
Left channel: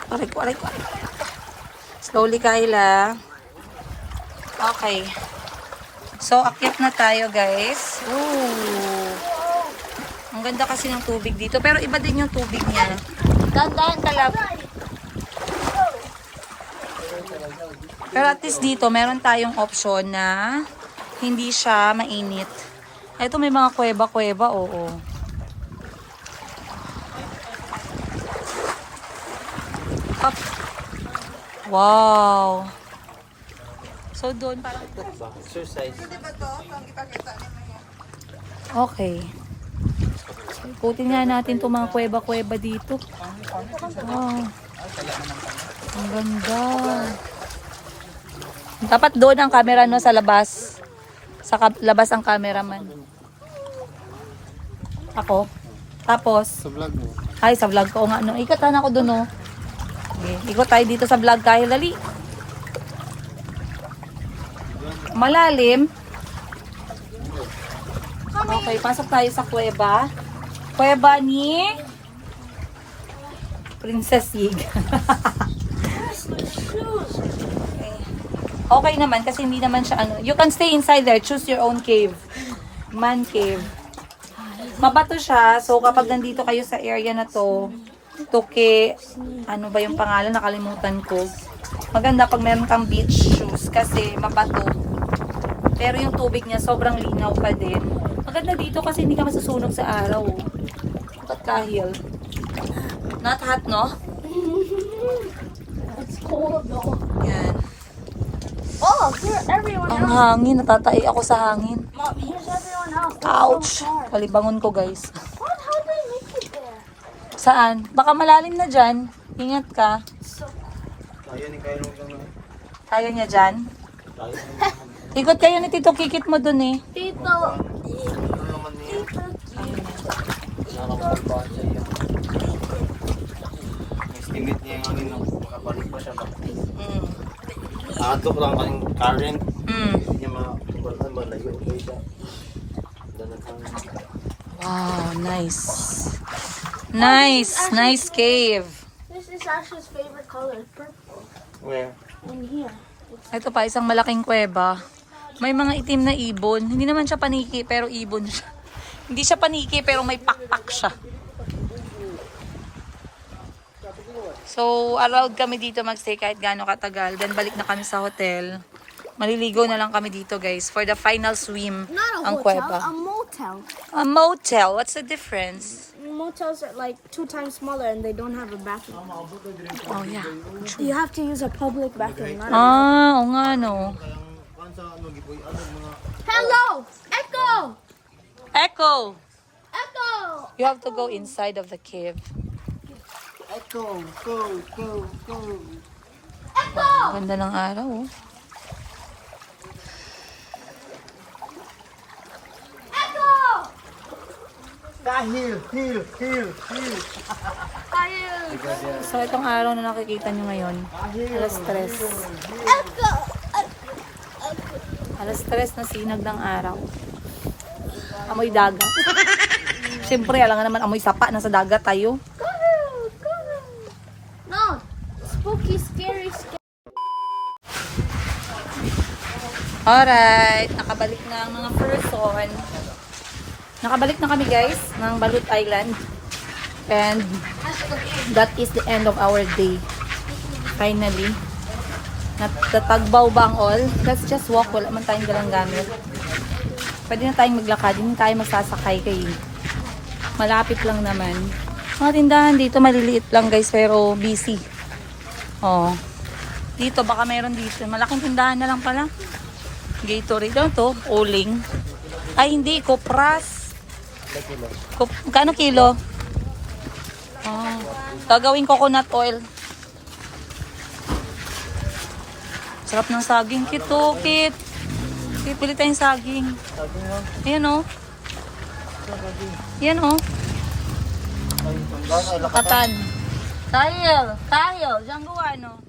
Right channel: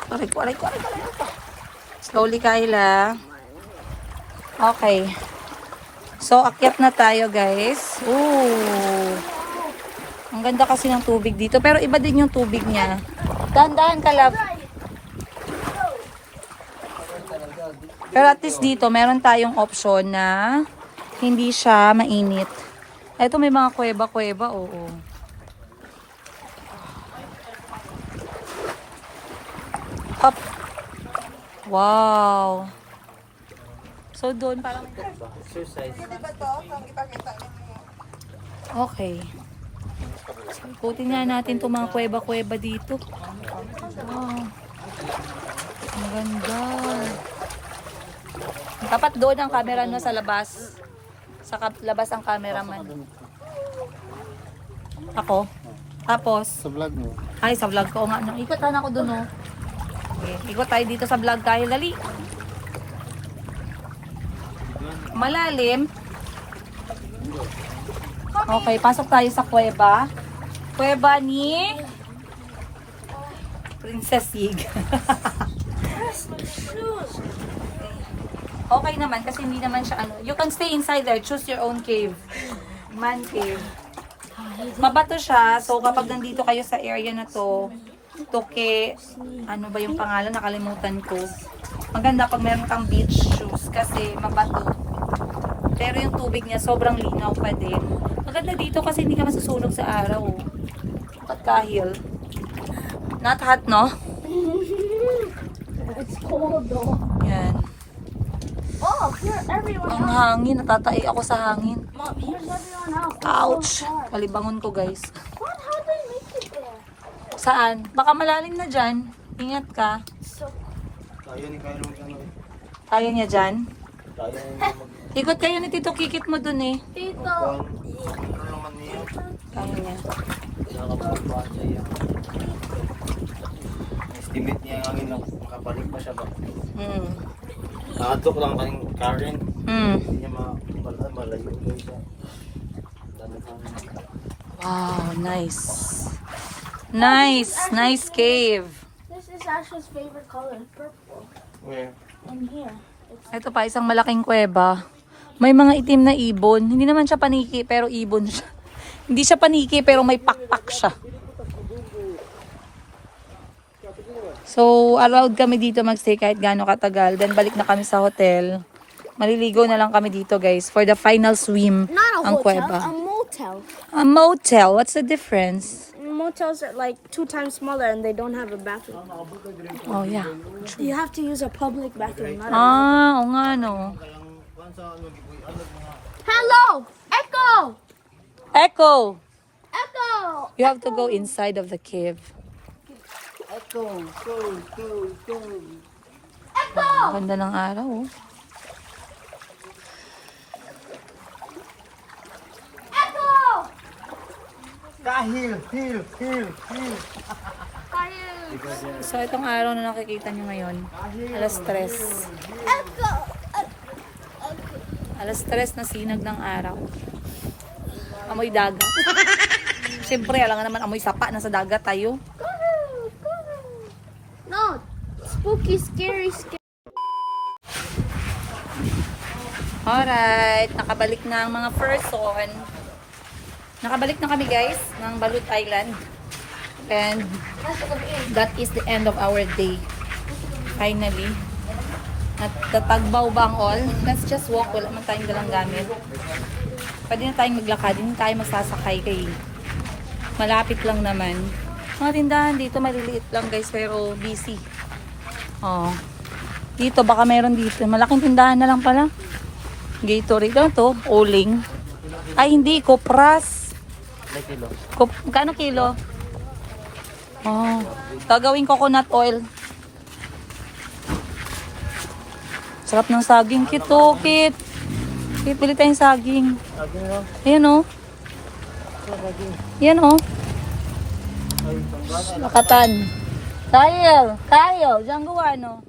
Aray ko. Slowly, Kayla. Okay. So, akyat na tayo, guys. Ooh. Ang ganda kasi ng tubig dito. Pero iba din yung tubig niya. Dahan-dahan ka lang. Pero at least dito, meron tayong option na hindi siya mainit. Ito may mga kuweba-kuweba, oo. Up. Wow. So doon parang Exercise. okay. Ikutin nga natin itong mga kuweba-kuweba dito. Wow. Ang ganda. Dapat doon ang camera no sa labas. Sa labas ang cameraman. Ako. Tapos, Sa vlog mo. ay sa vlog ko nga no. Ikatan ako doon no. Ikot tayo dito sa vlog tayo. Dali. Malalim. Okay, pasok tayo sa kuweba. Kuweba ni Princess Yig. Okay naman kasi hindi naman siya ano. You can stay inside there. Choose your own cave. Man cave. Mabato siya. So kapag nandito kayo sa area na to, Tuke, ano ba yung pangalan? Nakalimutan ko. Maganda pag meron kang beach shoes kasi mabato. Pero yung tubig niya sobrang linaw pa din. Maganda dito kasi hindi ka masusunog sa araw. Dapat Kahil. Not hot, no? It's cold though. Yan. Oh, here, everyone. Ang hangin. Natatay ako sa hangin. Mom, here's everyone else. Ouch! Kalibangon ko, guys. What? How did I make it there? Saan? Baka malalim na dyan. Ingat ka. Kaya ni Kyle ano. Kaya niya dyan. Kaya ni Ikot kayo ni Tito Kikit mo dun eh. Tito. naman niya. Nakapagpaan sa iya. Estimate niya yung angin makabalik pa siya ba? Atok lang kayong Karen. Hindi niya malayo siya. Wow, nice. Nice cave. This is Asha's favorite color, purple. Where? In here. Ito pa, isang malaking kuweba. May mga itim na ibon. Hindi naman siya paniki, pero ibon siya. Hindi siya paniki, pero may pakpak siya. So, allowed kami dito magstay kahit gaano katagal. Then, balik na kami sa hotel. Maliligo na lang kami dito, guys, for the final swim. Not a Ang hotel, kuweba. a motel. A motel, what's the difference? Motels are like 2 times smaller and they don't have a bathroom. Oh, yeah. You have to use a public bathroom. Not a Ah, o nga, no. Hello! Echo! Echo! Echo! You have to go inside of the cave. Echo! Ang ganda ng araw, oh. Echo! Kahil! So, itong araw na nakikita nyo ngayon, alas 3. Echo! Alas 3 na sinag ng araw. Amoy dagat. Siyempre, alam nga naman, amoy sapa. Nasa dagat tayo. No! Spooky, scary. Alright. nakabalik na ang mga person. Nakabalik na kami guys ng Balut Island. And that is the end of our day. Finally. Natagbaw ba ang all? Let's just walk. Wala man tayong dalang gamit. Pwede na tayong maglakad. Hindi tayo magsasakay kayo. Malapit lang naman. Mga tindahan dito maliliit lang guys pero busy. Oh. Dito baka meron dito. Malaking tindahan na lang pala. Gatorade lang to. Uling. Ay hindi. Kopras. Kano kilo? Oh. Gagawin coconut oil. Sarap ng saging. Kit. Kit, pili tayong saging. Yan o. Yan o. Makatan. Kyle. Diyan gawa no.